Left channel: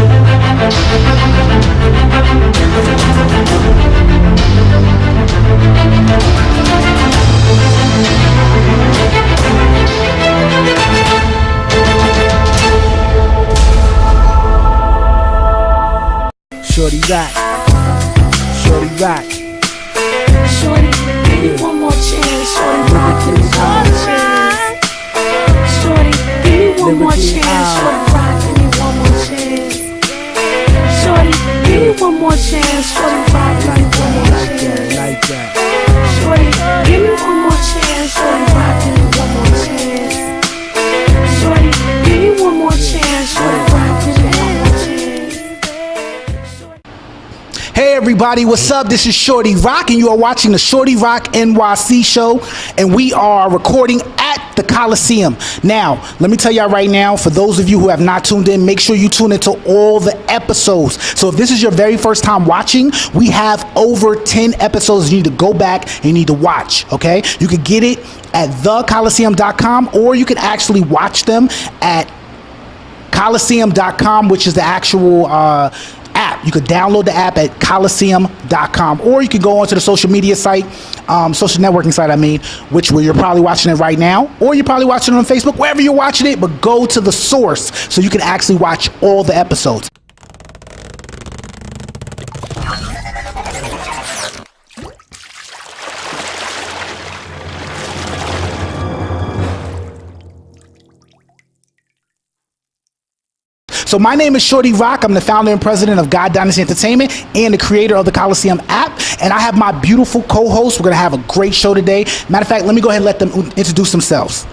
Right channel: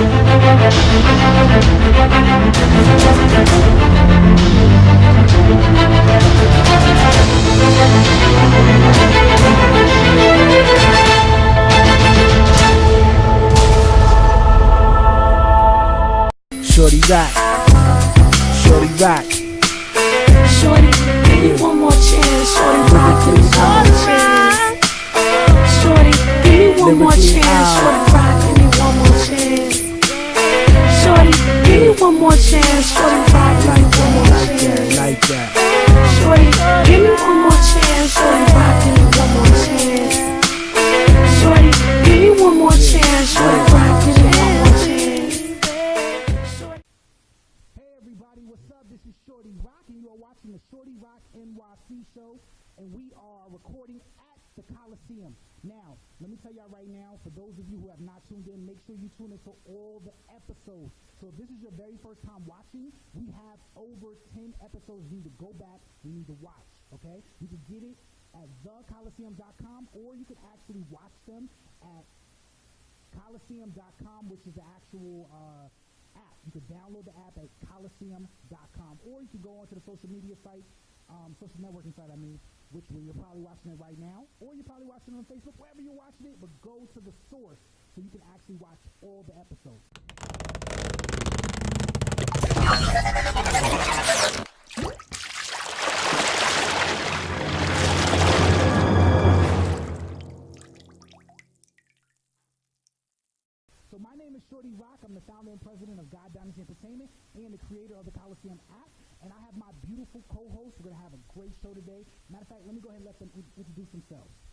Shorty rock. Shorty rock. Shorty, give me one more chance. Shorty, rock, give me one more chance. Shorty, give me one more chance. Shorty, rock, give me one more chance. Shorty, give me one more chance. Shorty, rock, give me one more chance. Like that. Shorty, give me one more chance. Shorty, rock, give me one more chance. Shorty, give me one more chance. Shorty, rock, give me one more chance. Hey everybody, what's up? This is Shorty Rock, and you are watching the Shorty Rock NYC show, and we are recording at the Colosseum. Now, let me tell y'all right now, for those of you who have not tuned in, make sure you tune into all the episodes. So if this is your very first time watching, we have over 10 episodes you need to go back and you need to watch, okay? You can get it at thecolosseum.com, or you can actually watch them at Colosseum.com, which is the actual app. You could download the app at Colosseum.com, or you can go onto the social media site, social networking site, which where you're probably watching it right now, or you're probably watching it on Facebook, wherever you're watching it, but go to the source so you can actually watch all the episodes. So my name is Shorty Rock. I'm the founder and president of God Dynasty Entertainment and the creator of the Colosseum app. And I have my beautiful co-hosts. We're going to have a great show today. Matter of fact, let me go ahead and let them introduce themselves.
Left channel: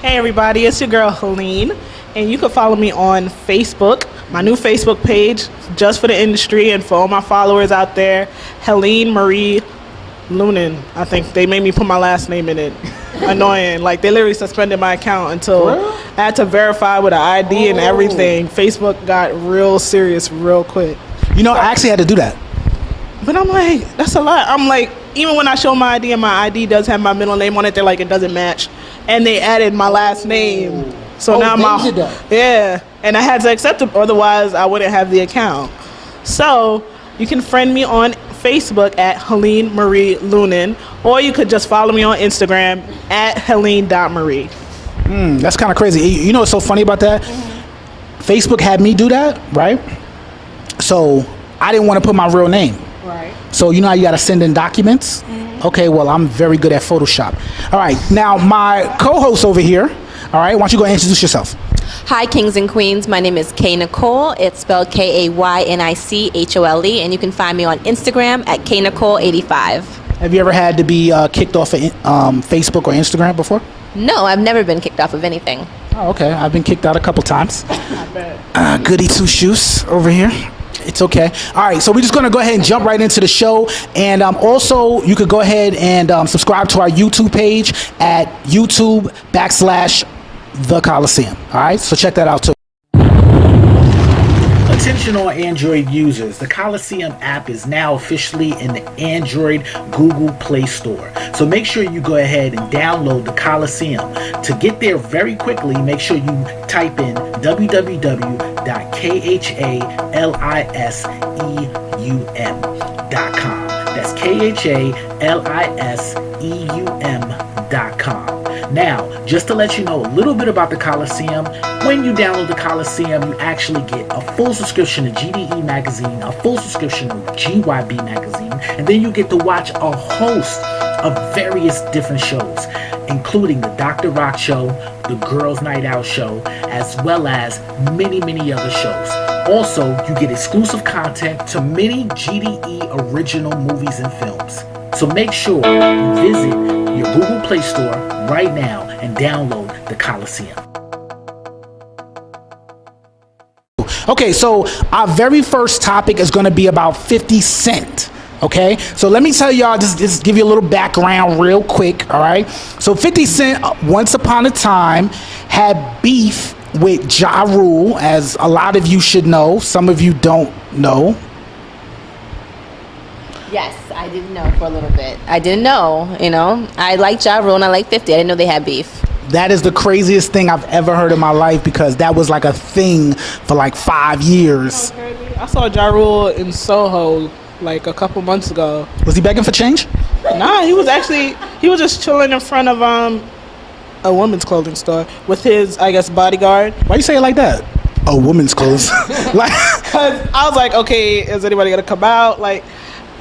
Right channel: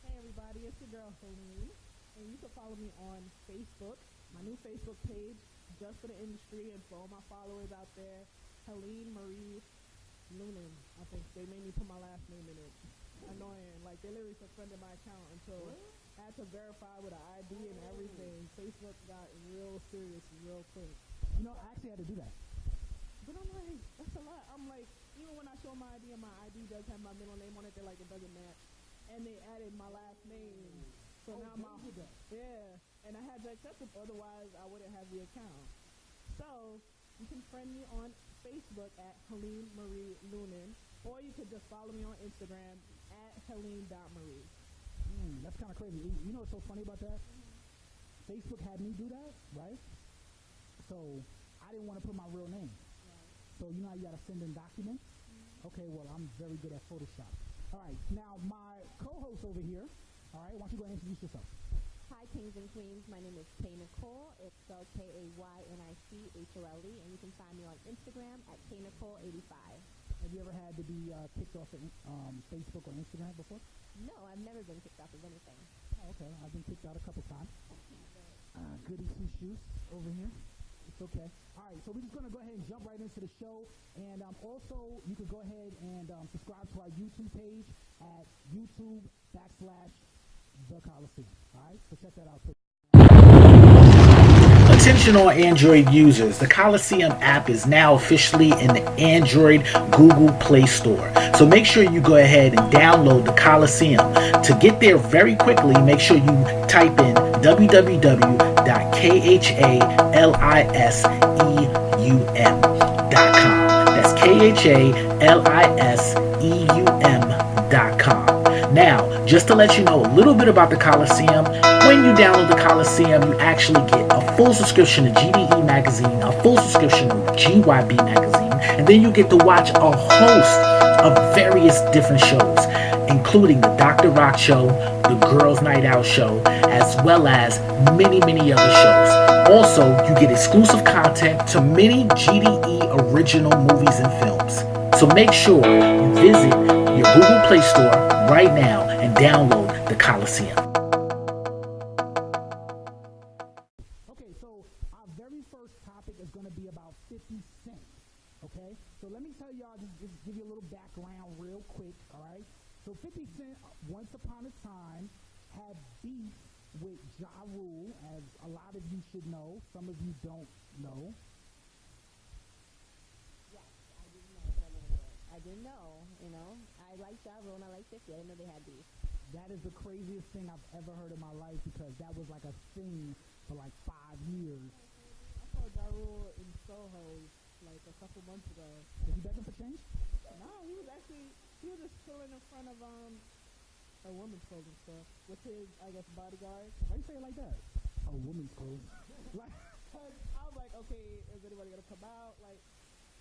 Hey everybody, it's your girl Helene. And you can follow me on Facebook, my new Facebook page, just for the industry and for all my followers out there, Helene Marie Lunin. I think they made me put my last name in it. Annoying. Like, they literally suspended my account until I had to verify with an ID and everything. Facebook got real serious real quick. You know, I actually had to do that. But I'm like, that's a lot. I'm like, even when I show my ID and my ID does have my middle name on it, they're like, it doesn't match. And they added my last name. So now yeah. And I had to accept it, otherwise I wouldn't have the account. So you can friend me on Facebook at Helene Marie Lunin, or you could just follow me on Instagram at Helene.Marie. That's kind of crazy. You know what's so funny about that? Facebook had me do that, right? So I didn't want to put my real name. Right. So you know how you got to send in documents? Okay, well, I'm very good at Photoshop. All right, now my co-host over here, all right, why don't you go ahead and introduce yourself? Hi, kings and queens. My name is Kay Nicole. It's spelled Kaynichole, and you can find me on Instagram at KNicole85. Have you ever had to be kicked off of Facebook or Instagram before? No, I've never been kicked off of anything. Oh, okay. I've been kicked out a couple times. Goody two shoes over here. It's okay. All right, so we're just going to go ahead and jump right into the show. And also, you could go ahead and subscribe to our YouTube page at YouTube.com/The Colosseum. All right, so check that out too. Attention all Android users, the Colosseum app is now officially in the Android Google Play Store. So make sure you go ahead and download the Colosseum. To get there very quickly, make sure you type in www.khaliseum.com. That's khaliseum.com. Now, just to let you know a little bit about the Colosseum, when you download the Colosseum, you actually get a full subscription to GDE magazine, a full subscription to GYB magazine, and then you get to watch a host of various different shows, including the Dr. Rock Show, the Girls Night Out Show, as well as many, many other shows. Also, you get exclusive content to many GDE original movies and films. So make sure you visit your Google Play Store right now and download the Colosseum. Okay, so our very first topic is going to be about 50 Cent. Okay, so let me tell y'all, just give you a little background real quick, all right? So 50 Cent, once upon a time, had beef with Ja Rule, as a lot of you should know. Some of you don't know. Yes, I didn't know for a little bit. I didn't know, I like Ja Rule and I like 50. I didn't know they had beef. That is the craziest thing I've ever heard in my life because that was like a thing for like 5 years. I saw Ja Rule in Soho like a couple months ago. Was he begging for change? Nah, he was just chilling in front of a women's clothing store with his, I guess, bodyguard. Why you say it like that? A woman's clothes. Like, Cause I was like, okay, is anybody gonna come out? Like,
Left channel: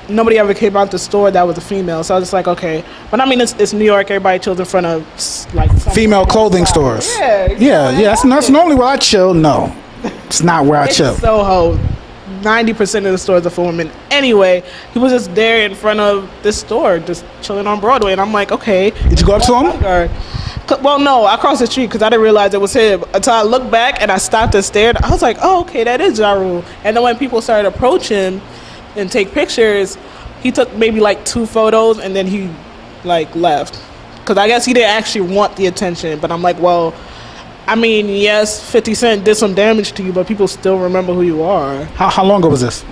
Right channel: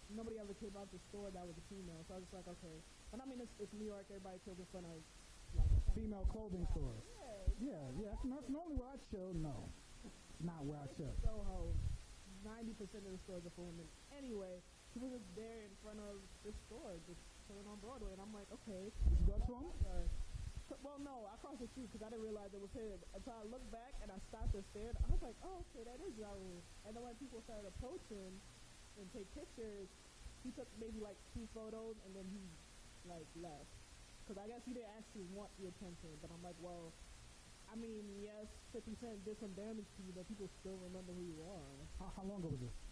nobody ever came out the store that was a female, so I was just like, okay. But I mean, it's New York. Everybody chills in front of like female clothing stores. Yeah. That's normally where I chill. No, it's not where I chill. Soho. 90% of the stores are for women. Anyway, he was just there in front of this store, just chilling on Broadway, and I'm like, okay. Did you go up to him? Well, no, I crossed the street because I didn't realize it was him until I looked back and I stopped and stared. I was like, oh, okay, that is Ja Rule. And then when people started to approach him and take pictures, he took maybe like 2 photos and then he like left. Because I guess he didn't actually want the attention. But I'm like, well, I mean, yes, 50 Cent did some damage to you, but people still remember who you are. How long ago was this?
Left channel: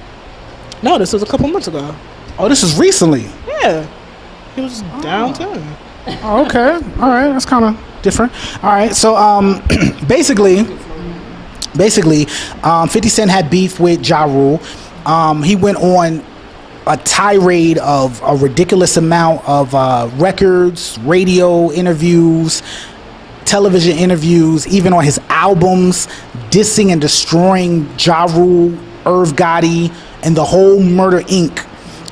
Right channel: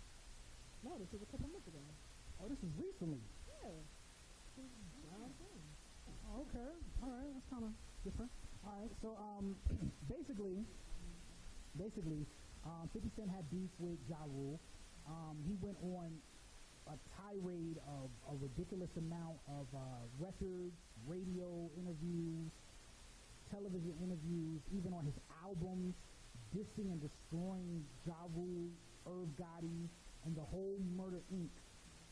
No, this was a couple months ago. Oh, this is recently. Yeah. He was downtown. Oh, okay. All right. That's kind of different. All right. So, basically, 50 Cent had beef with Ja Rule. He went on a tirade of a ridiculous amount of records, radio interviews, television interviews, even on his albums, dissing and destroying Ja Rule, Irv Gotti, and the whole Murder Inc.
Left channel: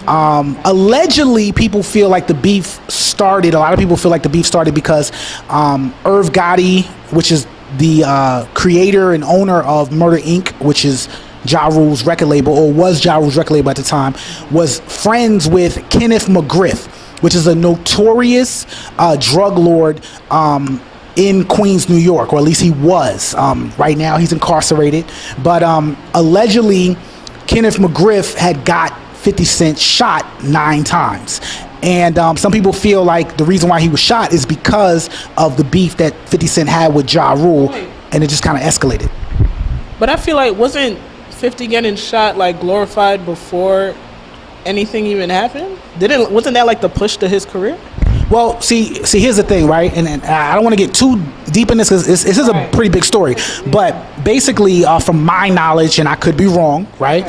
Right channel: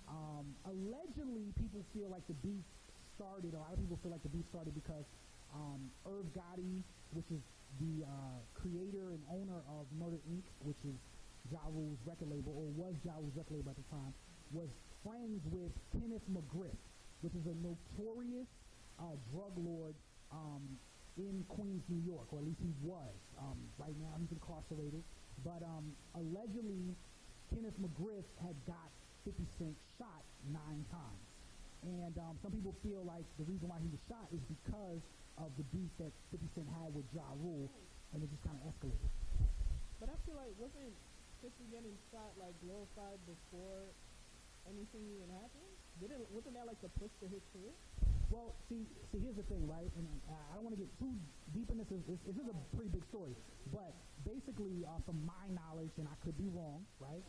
Allegedly, people feel like the beef started. A lot of people feel like the beef started because Irv Gotti, which is the creator and owner of Murder Inc., which is Ja Rule's record label, or was Ja Rule's record label at the time, was friends with Kenneth McGriff, which is a notorious drug lord in Queens, New York, or at least he was. Right now, he's incarcerated. But allegedly, Kenneth McGriff had got 50 Cent shot 9 times. And some people feel like the reason why he was shot is because of the beef that 50 Cent had with Ja Rule, and it just kind of escalated. But I feel like wasn't 50 getting shot like glorified before anything even happened? Wasn't that like the push to his career? Well, see, here's the thing, right? And I don't want to get too deep in this because this is a pretty big story. But basically, from my knowledge, and I could be wrong, right?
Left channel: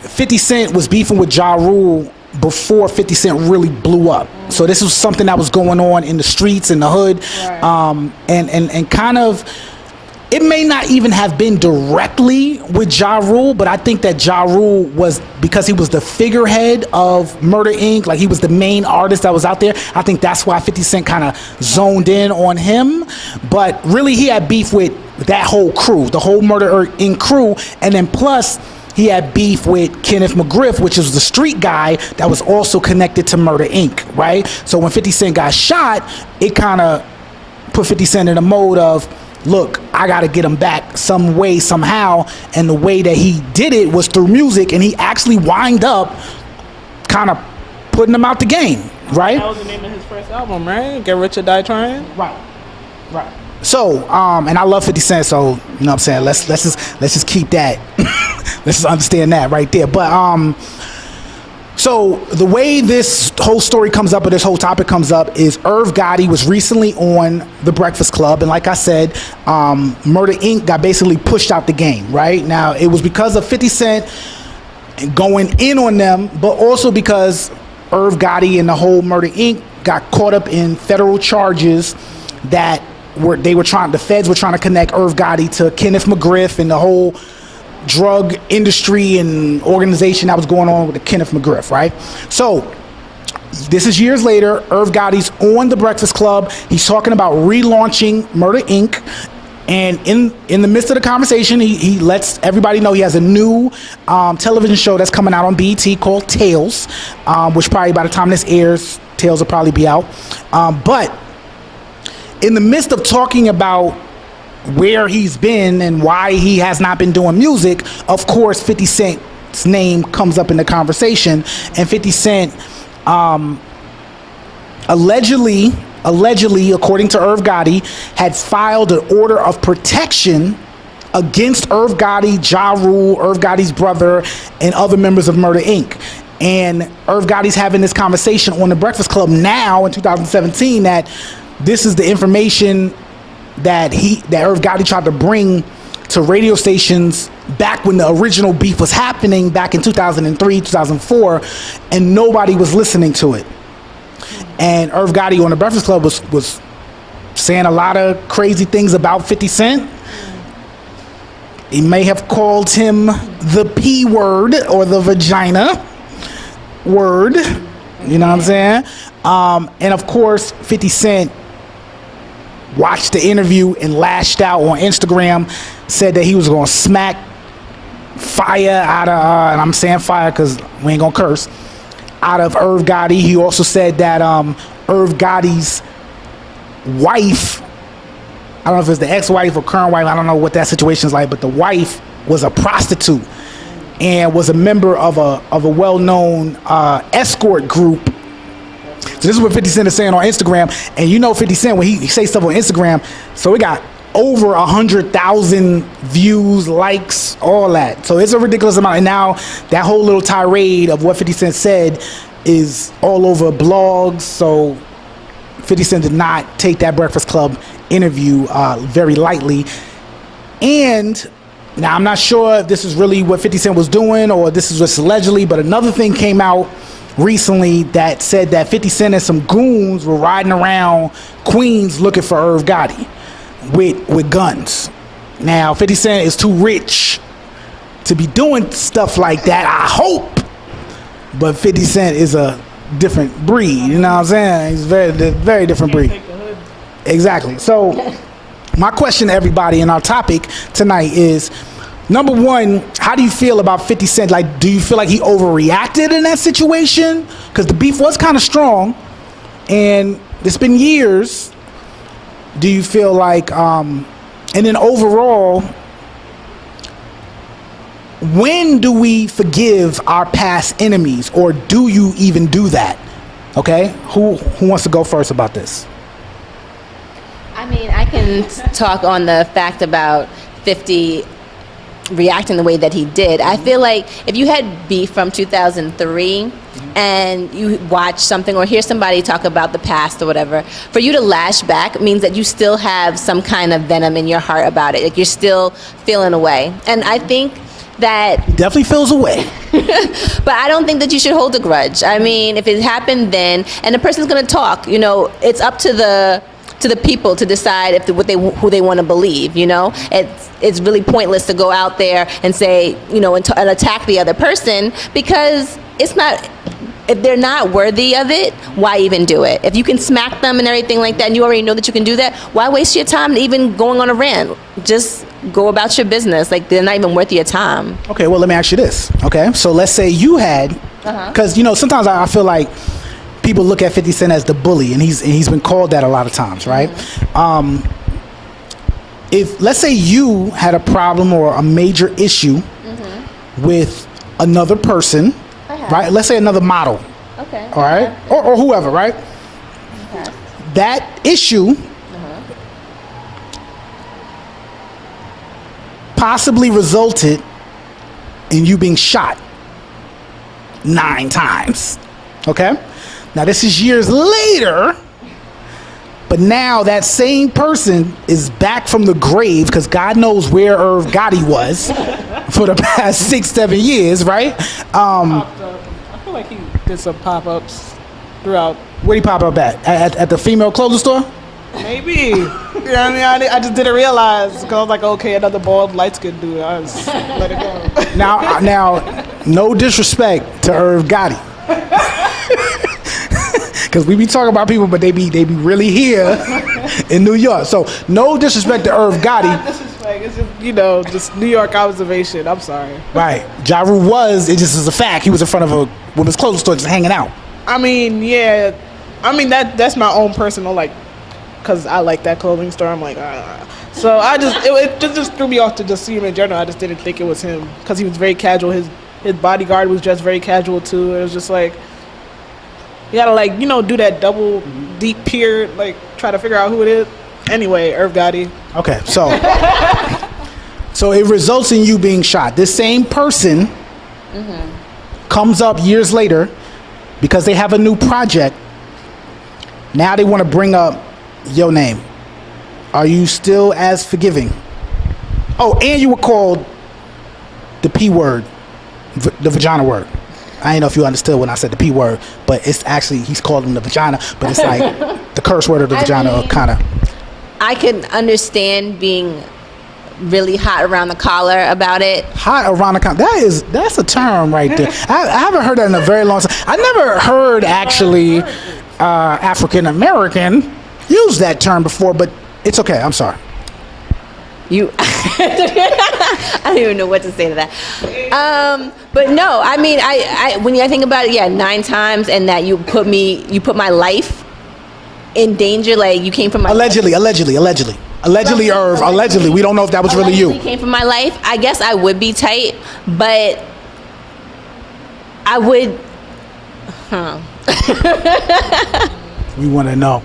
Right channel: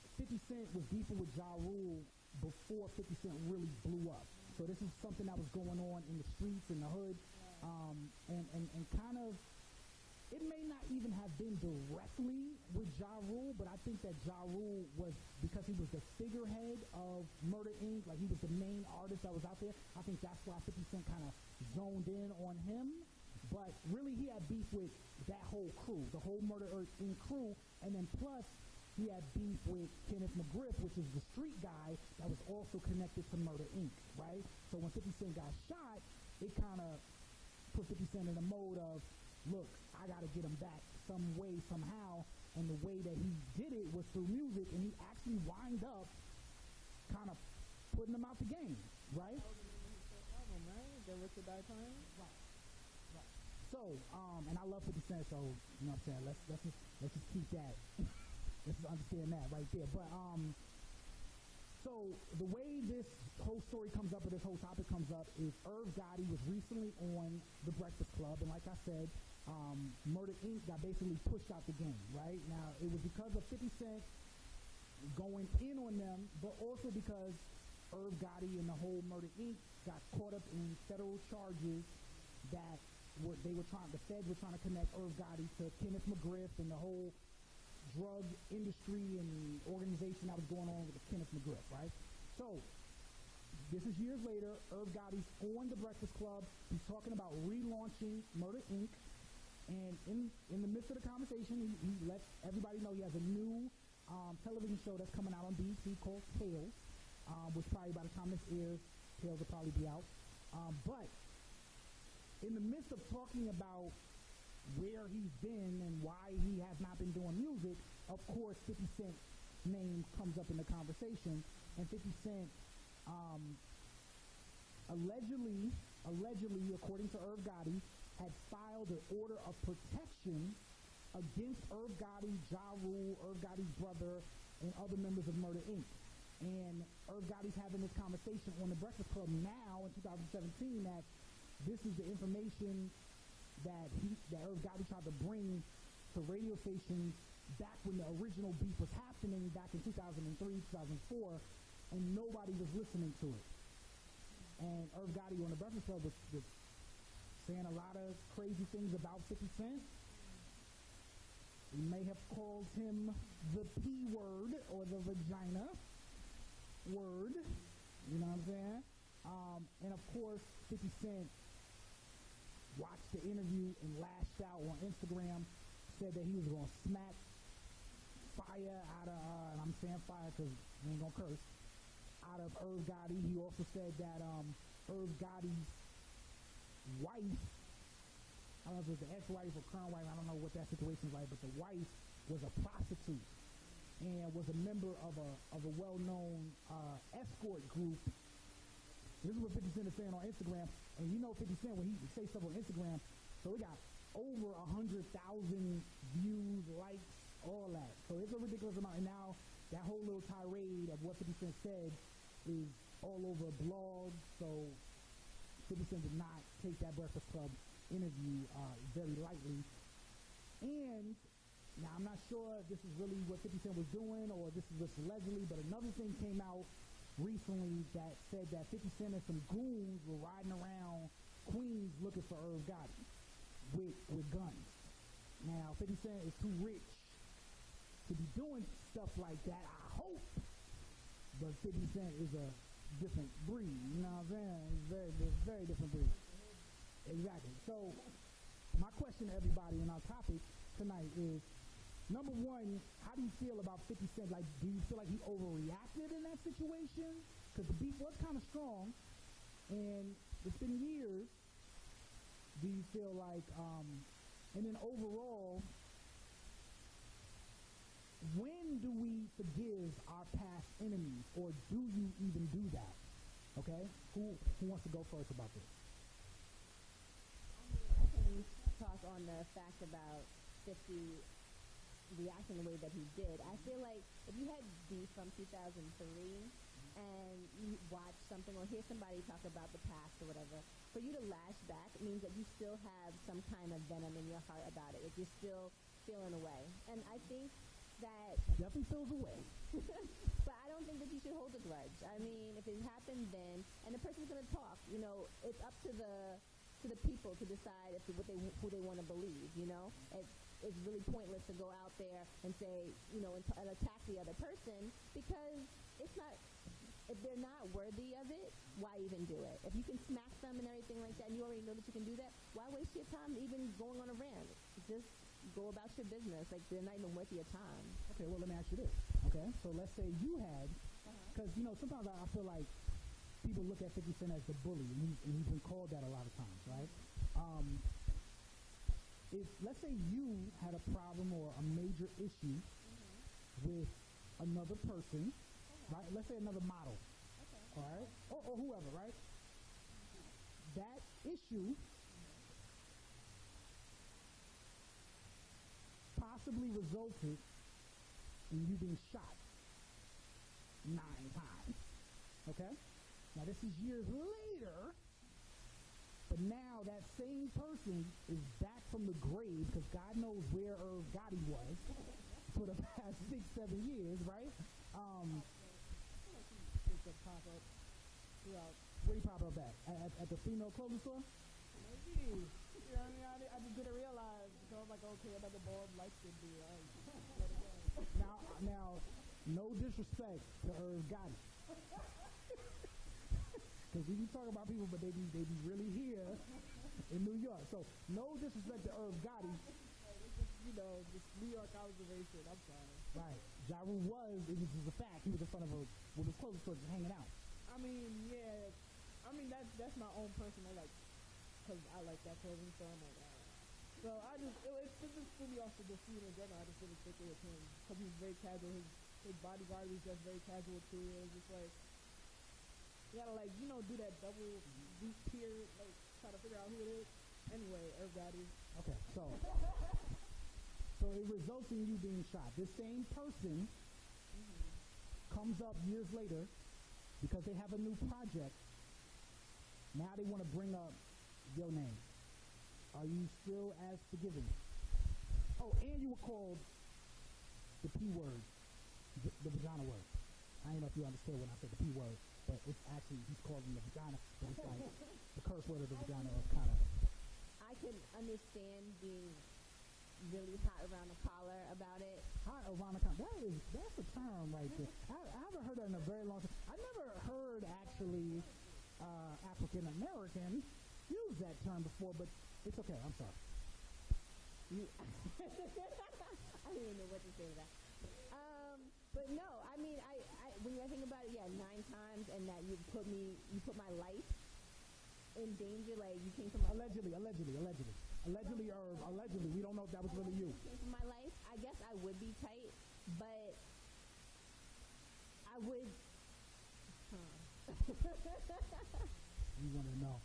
50 Cent was beefing with Ja Rule before 50 Cent really blew up. So this was something that was going on in the streets, in the hood, and kind of, it may not even have been directly with Ja Rule, but I think that Ja Rule was, because he was the figurehead of Murder Inc., like he was the main artist that was out there, I think that's why 50 Cent kind of zoned in on him. But really, he had beef with that whole crew, the whole Murder Inc. crew, and then plus, he had beef with Kenneth McGriff, which was the street guy that was also connected to Murder Inc., right? So when 50 Cent got shot, it kind of put 50 Cent in a mode of, look, I got to get him back some way, somehow. And the way that he did it was through music, and he actually wind up kind of putting him out the game, right? That was the name of his first album, right? Get Rich or Die Trying? Right. So, and I love 50 Cent, so, you know what I'm saying? Let's just keep that. Let's just understand that right there. But, so the way this whole story comes up, or this whole topic comes up, is Irv Gotti was recently on The Breakfast Club, and like I said, Murder Inc. got basically pushed out the game, right? Now, it was because of 50 Cent going in on them, but also because Irv Gotti and the whole Murder Inc. got caught up in federal charges that the feds were trying to connect Irv Gotti to Kenneth McGriff and the whole drug industry and organization that was going on with the Kenneth McGriff, right? So this is years later. Irv Gotti's on The Breakfast Club. He's talking about relaunching Murder Inc. And in the midst of the conversation, he lets everybody know he has a new television show that's coming out on BET called Tales, which probably by the time this airs, Tales will probably be out. But in the midst of talking about where he's been and why he has not been doing music, of course 50 Cent's name comes up in the conversation, and 50 Cent allegedly, according to Irv Gotti, had filed an order of protection against Irv Gotti, Ja Rule, Irv Gotti's brother, and other members of Murder Inc. And Irv Gotti's having this conversation on The Breakfast Club now in 2017 that this is the information that Irv Gotti tried to bring to radio stations back when the original beef was happening back in 2003, 2004, and nobody was listening to it. And Irv Gotti on the Breakfast Club was saying a lot of crazy things about 50 Cent. He may have called him the P word or the vagina word. You know what I'm saying? And of course, 50 Cent watched the interview and lashed out on Instagram, said that he was going to smack fire out of, and I'm saying fire because we ain't going to curse, out of Irv Gotti. He also said that Irv Gotti's wife, I don't know if it's the ex-wife or current wife, I don't know what that situation is like, but the wife was a prostitute and was a member of a well-known escort group. So this is what 50 Cent is saying on Instagram. And you know 50 Cent, when he say stuff on Instagram, so it got over 100,000 views, likes, all that. So it's a ridiculous amount. And now that whole little tirade of what 50 Cent said is all over blogs. So 50 Cent did not take that Breakfast Club interview very lightly. And now I'm not sure if this is really what 50 Cent was doing or this is just allegedly, but another thing came out recently that said that 50 Cent and some goons were riding around Queens looking for Irv Gotti with guns. Now 50 Cent is too rich to be doing stuff like that, I hope, but 50 Cent is a different breed, you know what I'm saying? He's very different breed. Exactly. So my question to everybody in our topic tonight is, number one, how do you feel about 50 Cent? Like, do you feel like he overreacted in that situation? Because the beef was kind of strong, and it's been years. Do you feel like, and then overall, when do we forgive our past enemies, or do you even do that? Okay, who wants to go first about this? I mean, I can talk on the fact about 50 reacting the way that he did. I feel like if you had beef from 2003 and you watch something or hear somebody talk about the past or whatever, for you to lash back means that you still have some kind of venom in your heart about it. Like, you're still feeling away. And I think that definitely feels away. but I don't think that you should hold a grudge. I mean, if it happened then, and the person's going to talk, you know, it's up to the people to decide if who they want to believe. You know, it's really pointless to go out there and say, you know, and attack the other person, because it's not. If they're not worthy of it, why even do it? If you can smack them and everything like that, and you already know that you can do that, why waste your time even going on a rant? Just go about your business. Like, they're not even worth your time. Okay, well, let me ask you this. Okay, so let's say you had, because you know, sometimes I feel like people look at 50 Cent as the bully, and he's been called that a lot of times, right? If, let's say you had a problem or a major issue with another person, right? Let's say another model. Okay. All right? Or whoever, right? Okay. That issue possibly resulted in you being shot 9 times. Okay? Now, this is years later, but now that same person is back from the grave, because God knows where Irv Gotti was for the past 6-7 years, right? I feel like he did some pop-ups throughout. Where'd he pop up at the female clothing store? Maybe. You know what I mean? I just didn't realize, because I was like, okay, another bald, light-skinned dude. I just let it go. Now, no disrespect to Irv Gotti. Because we be talking about people, but they be really here in New York. So no disrespect to Irv Gotti. Not disrespect. It's just, you know, just New York observation. I'm sorry. Right. Ja Rule was, it just is a fact. He was in front of a women's clothing store just hanging out. I mean, yeah. I mean, that's my own personal, like, because I like that clothing store. I'm like, So it just threw me off to just see him in general. I just didn't think it was him, because he was very casual. His bodyguard was dressed very casual too. It was just like, you gotta, like, you know, do that double deep peer, like, try to figure out who it is. Anyway, Irv Gotti. Okay, so it results in you being shot. This same person comes up years later because they have a new project. Now they want to bring up your name, are you still as forgiving? Oh, and you were called the P word, the vagina word. I didn't know if you understood when I said the P word, but it's actually, he's called him the vagina, but it's like the curse word of the vagina, kind of. I can understand being really hot around the collar about it. Hot around the collar. That's a term right there. I haven't heard that in a very long time. I never heard actually African American use that term before, but it's okay. I'm sorry. I don't even know what to say to that. But no, I mean, I when I think about it, yeah, 9 times, and that you put my life in danger. Like, you came from my allegedly, Irv. Allegedly, we don't know if that was really you. Came from my life. I guess I would be tight, but I would. We want to know.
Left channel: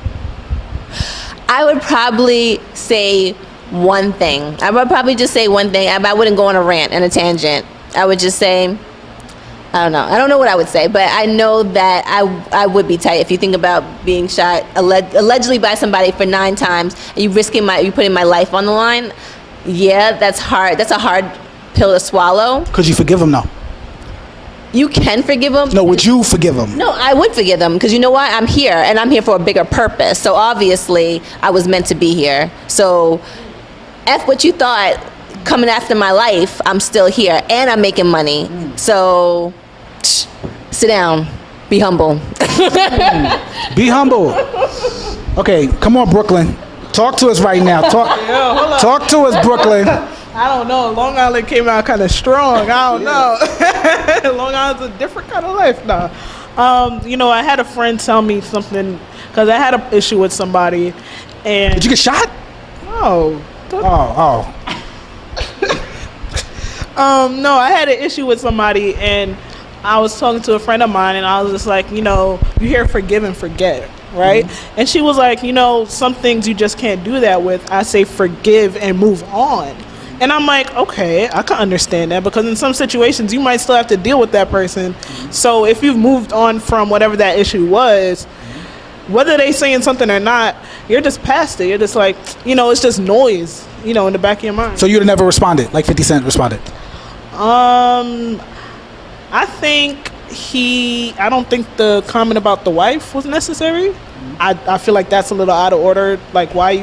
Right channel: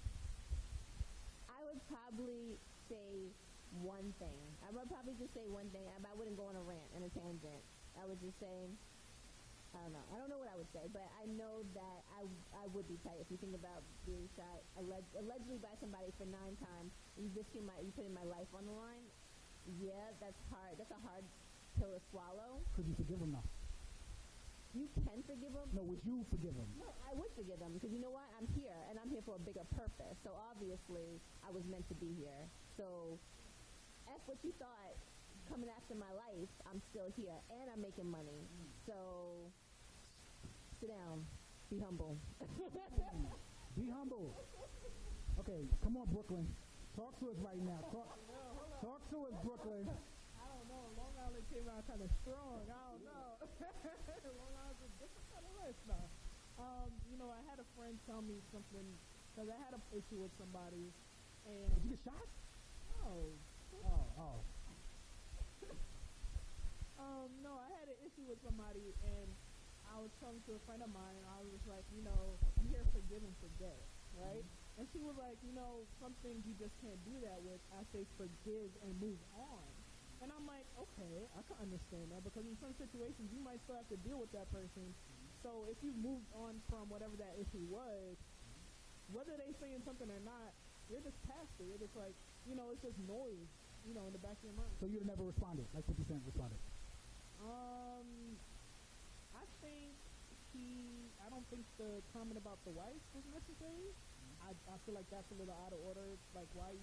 I would probably say one thing. I would probably just say one thing. I wouldn't go on a rant and a tangent. I would just say, I don't know. I don't know what I would say, but I know that I would be tight. If you think about being shot allegedly by somebody for 9 times, and you putting my life on the line, yeah, that's hard. That's a hard pill to swallow. Could you forgive him, though? You can forgive him. No, would you forgive him? No, I would forgive him, because you know what? I'm here, and I'm here for a bigger purpose. So obviously, I was meant to be here. So F what you thought coming after my life, I'm still here, and I'm making money. So sit down. Be humble. Be humble. Okay, come on, Brooklyn. Talk to us right now. Talk to us, Brooklyn. I don't know. Long Island came out kind of strong. I don't know. Long Island's a different kind of life now. I had a friend tell me something, because I had an issue with somebody. And did you get shot? No. Oh. No, I had an issue with somebody, and I was talking to a friend of mine, and I was just like, you hear forgive and forget, right? Mm-hmm. And she was like, some things you just can't do that with. I say forgive and move on. And I'm like, okay, I can understand that, because in some situations you might still have to deal with that person. So if you've moved on from whatever that issue was, whether they saying something or not, you're just past it. You're just like, it's just noise, in the back of your mind. So you'd have never responded like 50 Cent responded? I don't think the comment about the wife was necessary. I feel like that's a little out of order. Like, why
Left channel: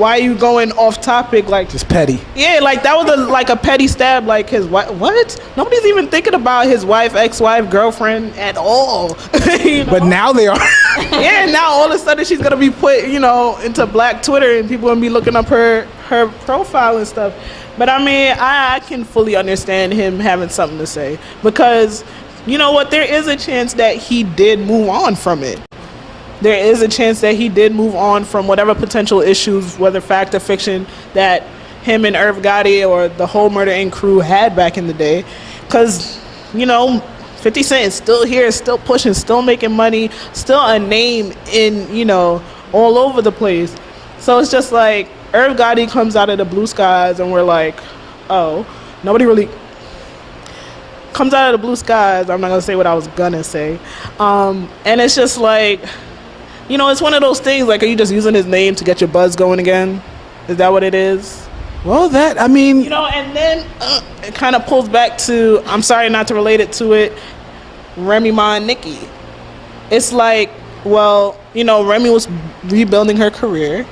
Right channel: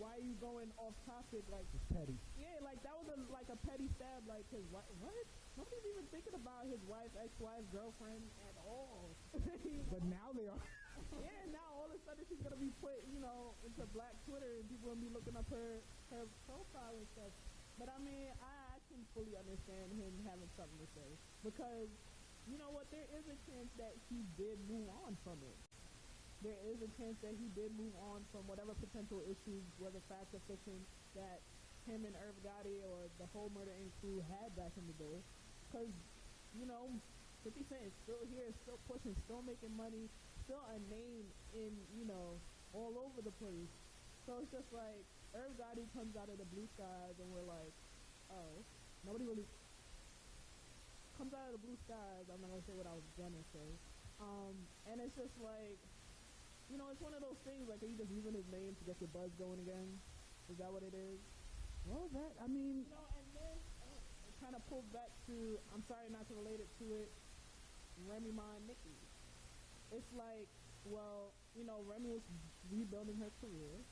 are you going off topic? Like, just petty. Yeah, like that was a petty stab. Like, his wife. What? Nobody's even thinking about his wife, ex-wife, girlfriend at all. But now they are. Yeah, now all of a sudden she's gonna be put, into Black Twitter, and people gonna be looking up her profile and stuff. But I mean, I can fully understand him having something to say, because you know what? There is a chance that he did move on from it. There is a chance that he did move on from whatever potential issues, whether fact or fiction, that him and Irv Gotti or the whole Murder Inc. crew had back in the day. Because, 50 Cent is still here, still pushing, still making money, still a name in, all over the place. So it's just like, Irv Gotti comes out of the blue skies, and we're like, oh, nobody really comes out of the blue skies. I'm not going to say what I was going to say. And it's just like, it's one of those things, like, are you just using his name to get your buzz going again? Is that what it is? Well, and then it kind of pulls back to, I'm sorry not to relate it to it, Remy Ma and Nicki. It's like, well, Remy was rebuilding her career,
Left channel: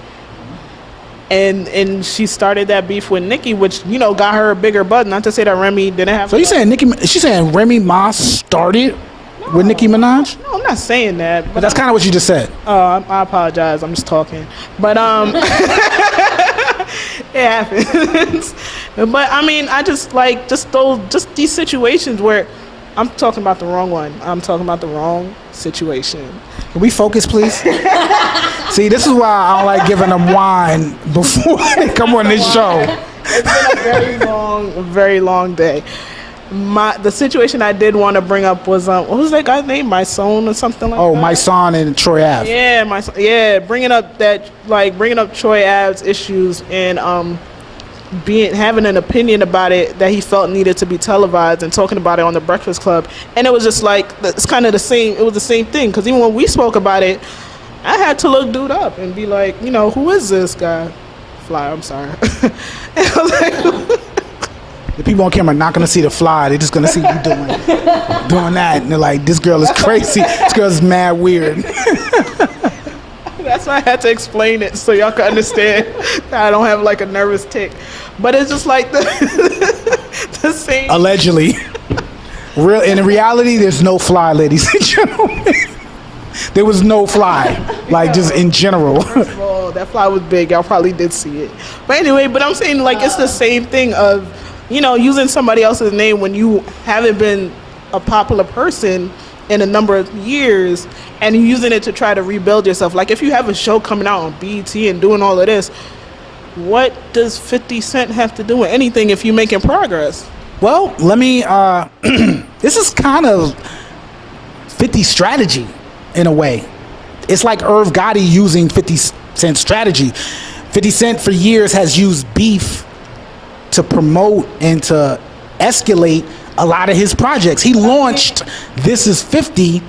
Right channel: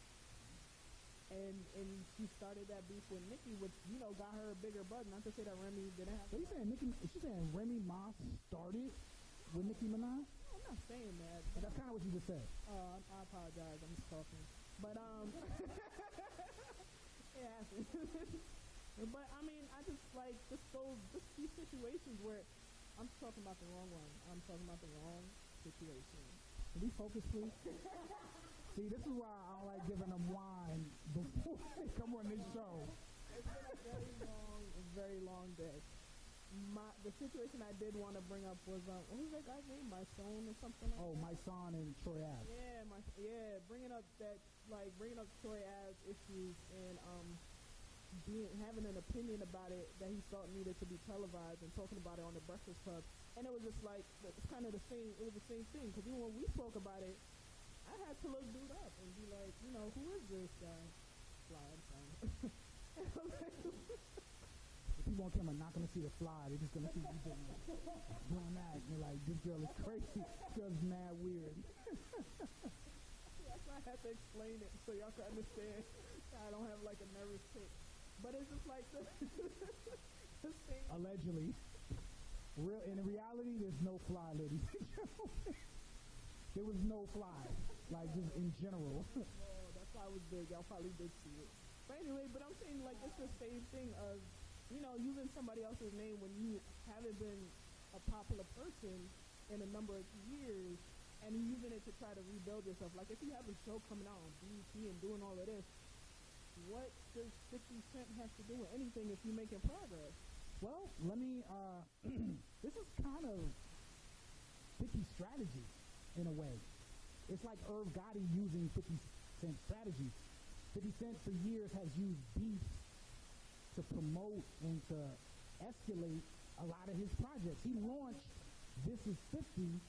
and she started that beef with Nicki, which, got her a bigger buzz. Not to say that Remy didn't have. So you saying she's saying Remy Ma started with Nicki Minaj? No, I'm not saying that. But that's kind of what you just said. I apologize. I'm just talking. But it happens. But I mean, I just like these situations where I'm talking about the wrong one. I'm talking about the wrong situation. Can we focus, please? See, this is why I don't like giving them wine before they come on this show. It's been a very long day. The situation I did want to bring up was what was that guy's name? My Son or something like that. Oh, My Son and Troy Ave. Yeah, bringing up Troy Ave's issues and having an opinion about it that he felt needed to be televised and talking about it on the Breakfast Club. And it was just like, it's kind of the same. It was the same thing, because even when we spoke about it, I had to look dude up and be like, you know, who is this guy? Fly, I'm sorry. And I was like, The people on camera are not gonna see the fly. They're just gonna see you doing that, and they're like, "This girl is crazy. This girl is mad weird." that's why I had to explain it so y'all can understand that I don't have like a nervous tick. But it's just like the same. Allegedly, real. In reality, there's no fly, ladies and gentlemen. There was no fly, like just in general. First of all, that fly was big. Y'all probably did see it. But anyway, but I'm saying like it's the same thing of, you know, using somebody else's name when you haven't been a popular person in a number of years and you're using it to try to rebuild yourself. Like if you have a show coming out on BET and doing all of this, what does 50 Cent have to do with anything if you're making progress? Well, let me. This is kind of 50's strategy in a way. It's like Irv Gotti using 50 Cent's strategy. 50 Cent for years has used beef to promote and to escalate a lot of his projects. He launched This Is 50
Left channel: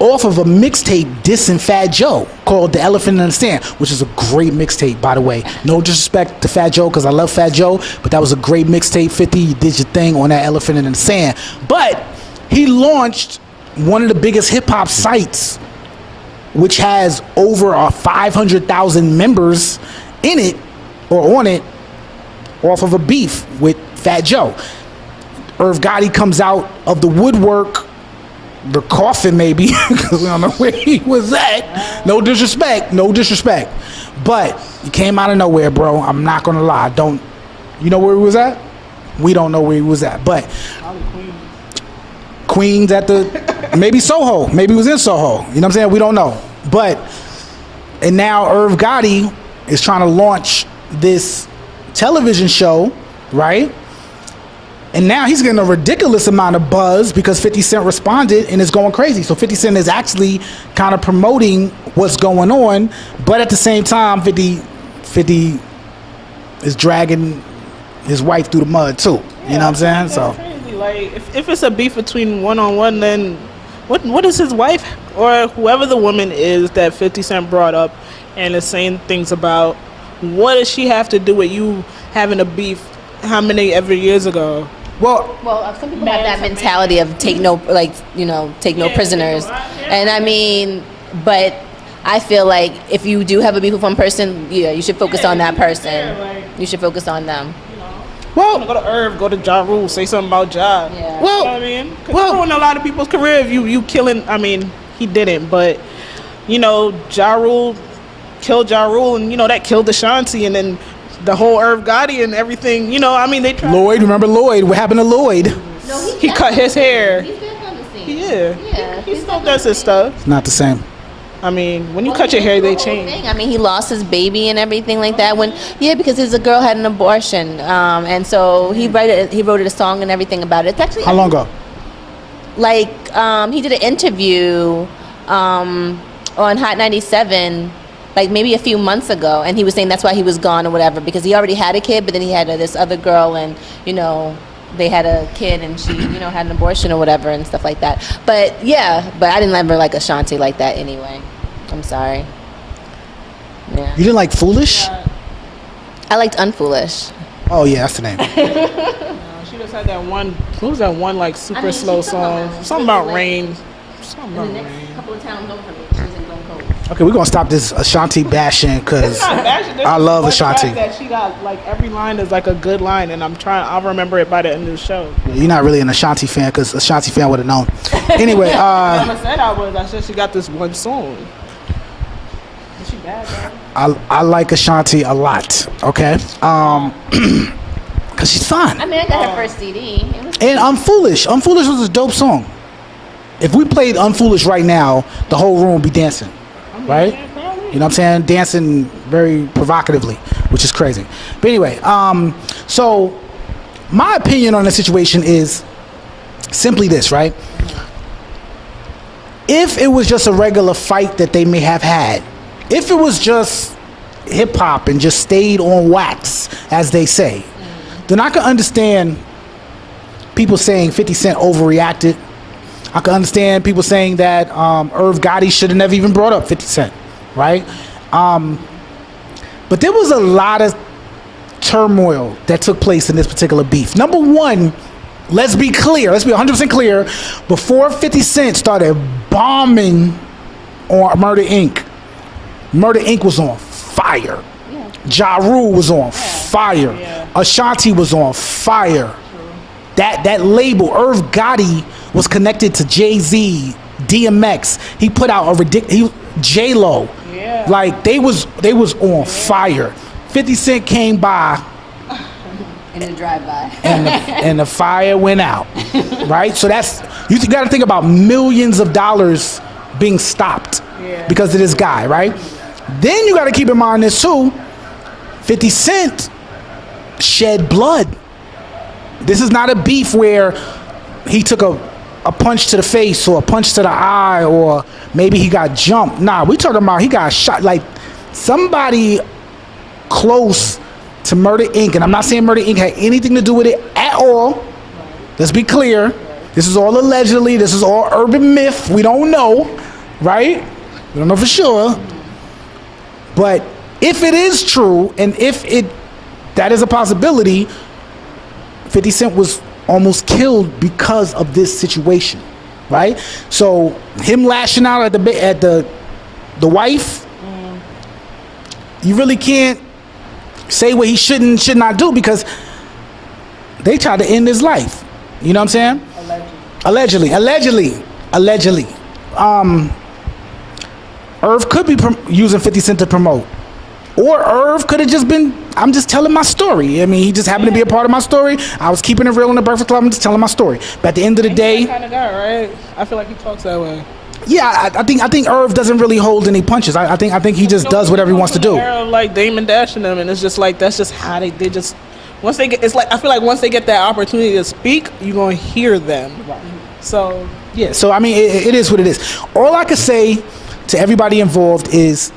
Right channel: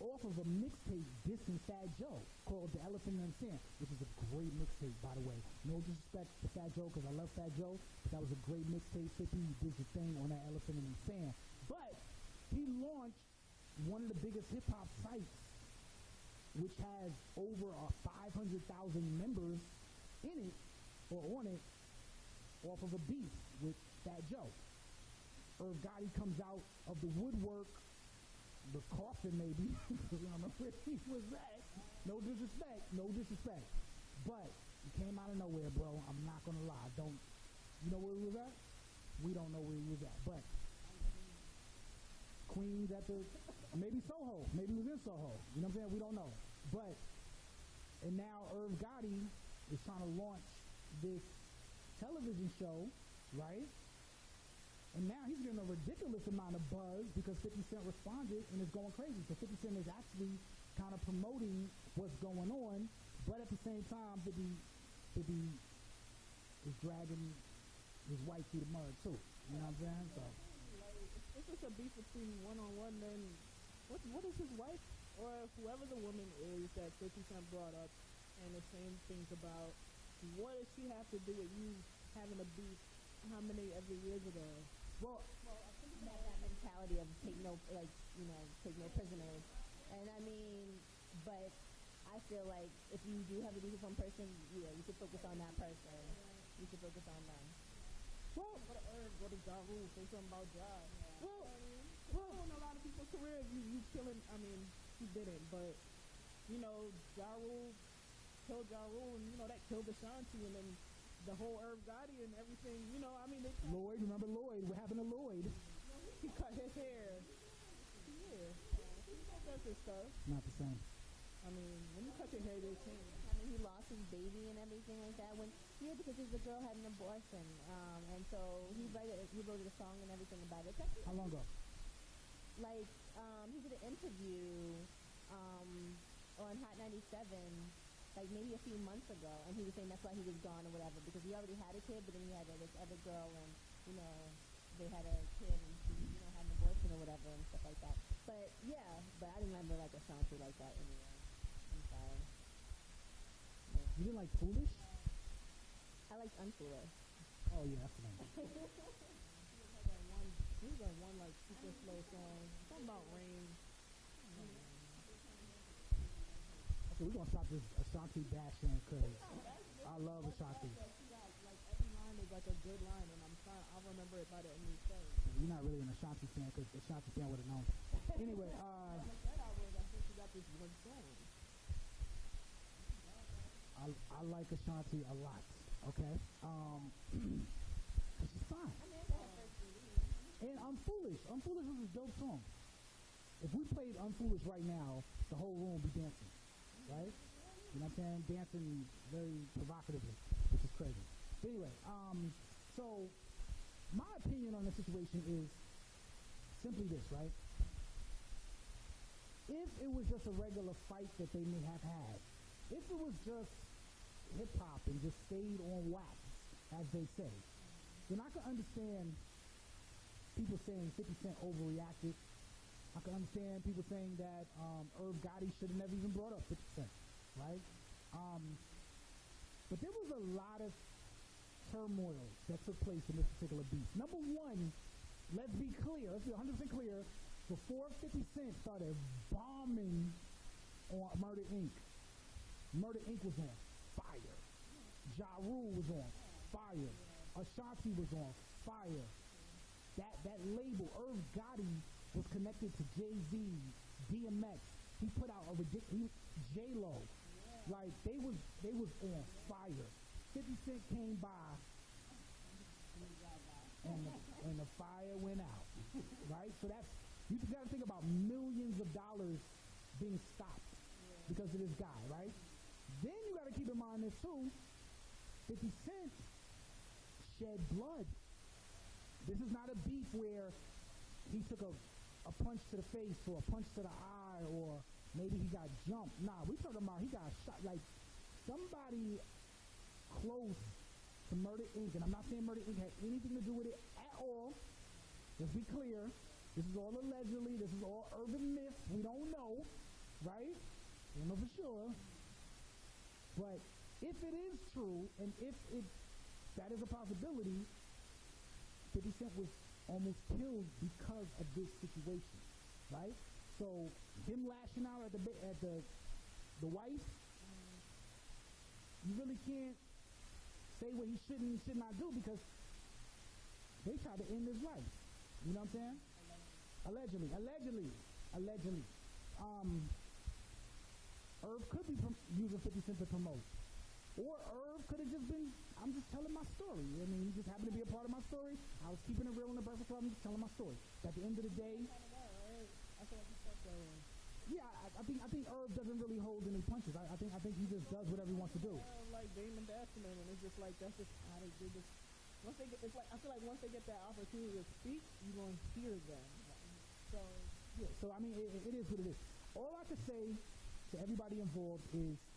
off of a mixtape dissing Fat Joe called The Elephant in the Sand, which is a great mixtape, by the way. No disrespect to Fat Joe, because I love Fat Joe, but that was a great mixtape. 50, you did your thing on that Elephant in the Sand. But he launched one of the biggest hip-hop sites, which has over 500,000 members in it or on it, off of a beef with Fat Joe. Irv Gotti comes out of the woodwork, the coffin maybe, because we don't know where he was at. No disrespect, but he came out of nowhere, bro. I'm not gonna lie. You know where he was at? We don't know where he was at, but Queens at maybe Soho, maybe he was in Soho. You know what I'm saying? We don't know, and now Irv Gotti is trying to launch this television show, right? And now he's getting a ridiculous amount of buzz because 50 Cent responded and is going crazy. So 50 Cent is actually kind of promoting what's going on, but at the same time, 50 is dragging his wife through the mud too. You know what I'm saying? So crazy. Like if it's a beef between one-on-one, then what is his wife or whoever the woman is that 50 Cent brought up and is saying things about, what does she have to do with you having a beef how many ever years ago? Well, some people have that mentality of take no prisoners. And I mean, but I feel like if you do have a beef with one person, you should focus on that person. You should focus on them. Well, go to Irv, go to Ja Rule, say something about Ja. Yeah. Well, you know what I mean? Because ruined a lot of people's career if you killing, I mean, he didn't, but, you know, Ja Rule killed Ja Rule, and, you know, that killed Ashanti, and then the whole Irv Gotti and everything, you know, I mean, they tried. Lloyd, remember Lloyd? What happened to Lloyd? No, he cut his hair. He's been on the scene. Yeah. He still does his stuff. It's not the same. I mean, when you cut your hair, they change. I mean, he lost his baby and everything like that. Because his girl had an abortion, and so he wrote a song and everything about it. It's actually How long ago? Like he did an interview on Hot 97, like maybe a few months ago, and he was saying that's why he was gone or whatever, because he already had a kid, but then he had this other girl, and you know, they had a kid, and she, you know, had an abortion or whatever and stuff like that. But yeah, but I didn't ever like Ashanti like that anyway. I'm sorry. Yeah. You didn't like Foolish? I liked Unfoolish. Oh yeah, that's the name. She just had that one. What was that one like super slow song? Something about rain. Something about rain. Couple of towns over me, she was in Glen Cove. Okay, we're gonna stop this Ashanti bashing because I love Ashanti. That she got like every line is like a good line, and I'll remember it by the end of the show. You're not really an Ashanti fan because Ashanti fan would have known. Anyway, I said I was. I said she got this one song. Is she bad, though? I like Ashanti a lot. Okay, because she's fun. I mean, I got her first CD. And Unfoolish. Unfoolish was a dope song. If we played Unfoolish right now, the whole room would be dancing, right? You know what I'm saying? Dancing very provocatively, which is crazy. But anyway, so my opinion on the situation is simply this, right? If it was just a regular fight that they may have had, if it was just hip hop and just stayed on wax, as they say, then I can understand people saying 50 Cent overreacted. I can understand people saying that Irv Gotti should have never even brought up 50 Cent, right? But there was a lot of turmoil that took place in this particular beef. Number one, let's be clear. Let's be 100% clear. Before 50 Cent started bombing on Murder Inc., Murder Inc. was on fire. Yeah. Ja Rule was on fire. Yeah. Ashanti was on fire. That label, Irv Gotti, was connected to Jay-Z, DMX. He put out a ridiculous J-Lo. Yeah. Like they was on fire. 50 Cent came by in the drive-by, and the fire went out. Right? So that's, you got to think about millions of dollars being stopped because of this guy, right? Then you got to keep in mind this too. 50 Cent shed blood. This is not a beef where he took a punch to the face or a punch to the eye or maybe he got jumped. Nah, we talking about he got shot. Like somebody close to Murder Inc. And I'm not saying Murder Inc. had anything to do with it at all. Let's be clear. This is all allegedly. This is all urban myth. We don't know, right? We don't know for sure. But if it is true and if that is a possibility, 50 Cent was almost killed because of this situation, right? So him lashing out at the wife, you really can't say what he should not do because they tried to end his life. You know what I'm saying? Allegedly. Irv could be using 50 Cent to promote. Or Irv could have just been, I'm just telling my story. I mean, he just happened to be a part of my story. I was keeping it real in the Breakfast Club. I'm just telling my story. But at the end of the day, that kind of guy, right? I feel like he talks that way. Yeah, I think Irv doesn't really hold any punches. I think he just does whatever he wants to do. Like Damon Dash and them, and it's just like that's just how they just once they get. It's like I feel like once they get that opportunity to speak, you're gonna hear them. Right. So yeah. So I mean, it is what it is. All I could say to everybody involved is,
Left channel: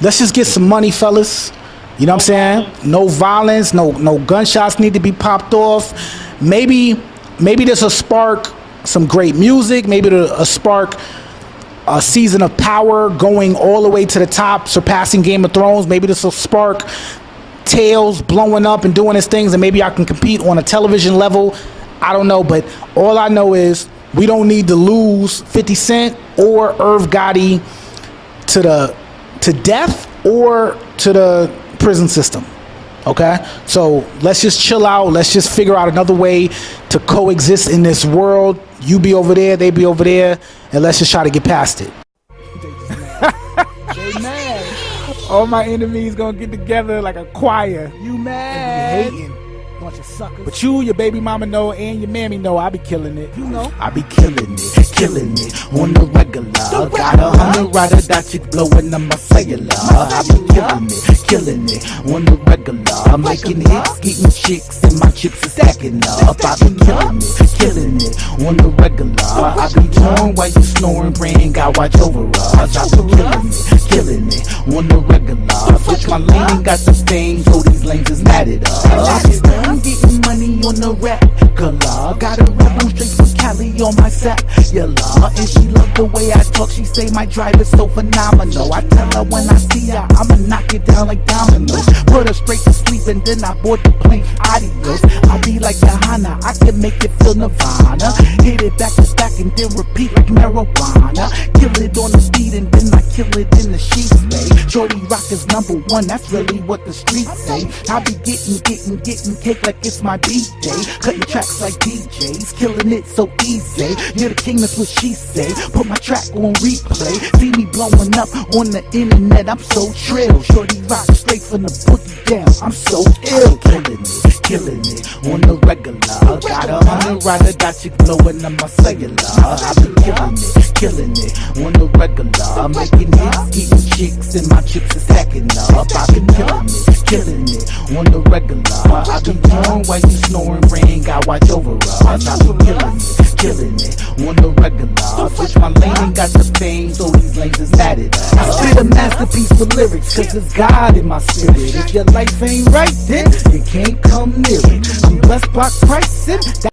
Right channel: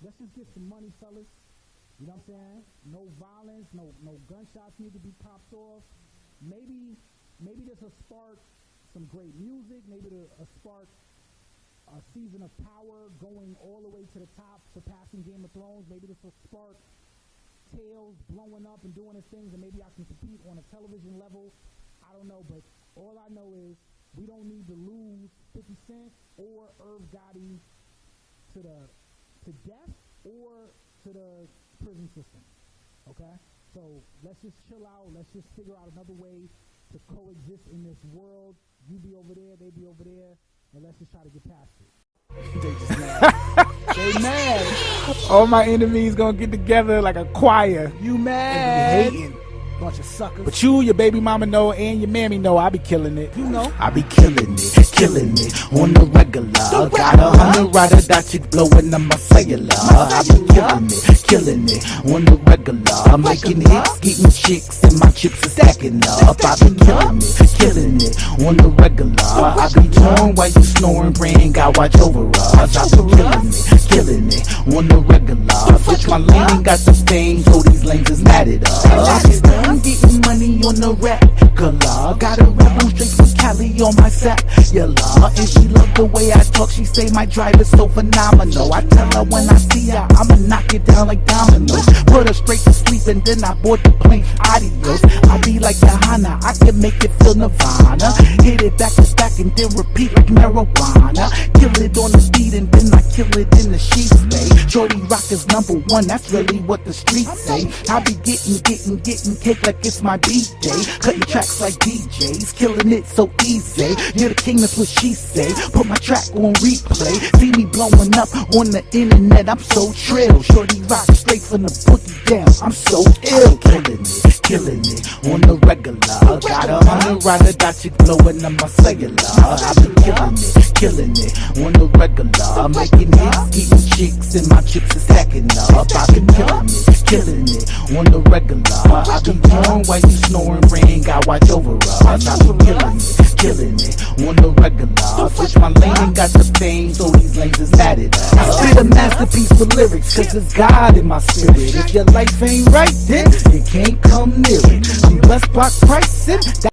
let's just get some money, fellas. You know what I'm saying? No violence, no gunshots need to be popped off. Maybe this will spark some great music. Maybe it'll spark a season of power going all the way to the top, surpassing Game of Thrones. Maybe this will spark Tails blowing up and doing his things, and maybe I can compete on a television level. I don't know, but all I know is we don't need to lose 50 Cent or Irv Gotti to death or to the prison system. Okay, so let's just chill out. Let's just figure out another way to coexist in this world. You be over there, they be over there, and let's just try to get past it. They just mad. They mad. All my enemies gonna get together like a choir. You mad? And be hating. Bunch of suckers. But you, your baby mama know, and your mammy know I be killing it. You know. I be killing it on the regular. Got 100 rider that chick blowing up my cellular. I be killing it on the regular. Making hits, getting chicks, and my chips are stacking up. I be killing it on the regular. I be torn while you snoring, praying God watch over us. I be killing it on the regular. Switch my lane, got the fame, so these lanes is mad at us. I'm getting money on the regular. Got a rebel straight from Cali on my set. Yeah, and she love the way I talk. She say my drive is so phenomenal. I tell her when I see her, I'ma knock it down like dominoes. Put her straight to sleep and then I board the plane. Adios. I be like Johanna, I can make it feel Nirvana. Hit it back to back and then repeat like marijuana. Kill it on the beat and then I kill it in the sheets, babe. Shorty Rock is #1, that's really what the streets say. I be getting cake like it's my B-day. Cutting tracks like DJs, killing it so easy. You're the king, that's what she say. Put my track on replay. See me blowing up on the internet, I'm so trill. Shorty Rock straight from the boogie down, I'm so ill. Killing it on the regular. Got 100 rider that chick blowing up my cellular. I be killing it on the regular. Making hits, getting chicks, and my chips is stacking up. I be killing it on the regular. I be torn while you snoring, praying God watch over us. I be killing it on the regular. Switch my lane and got the fame, so these lanes is mad at us. I spit a masterpiece with lyrics, cause it's God in my spirit. If your life ain't right, then you can't come near it. I'm blessed by Christ and that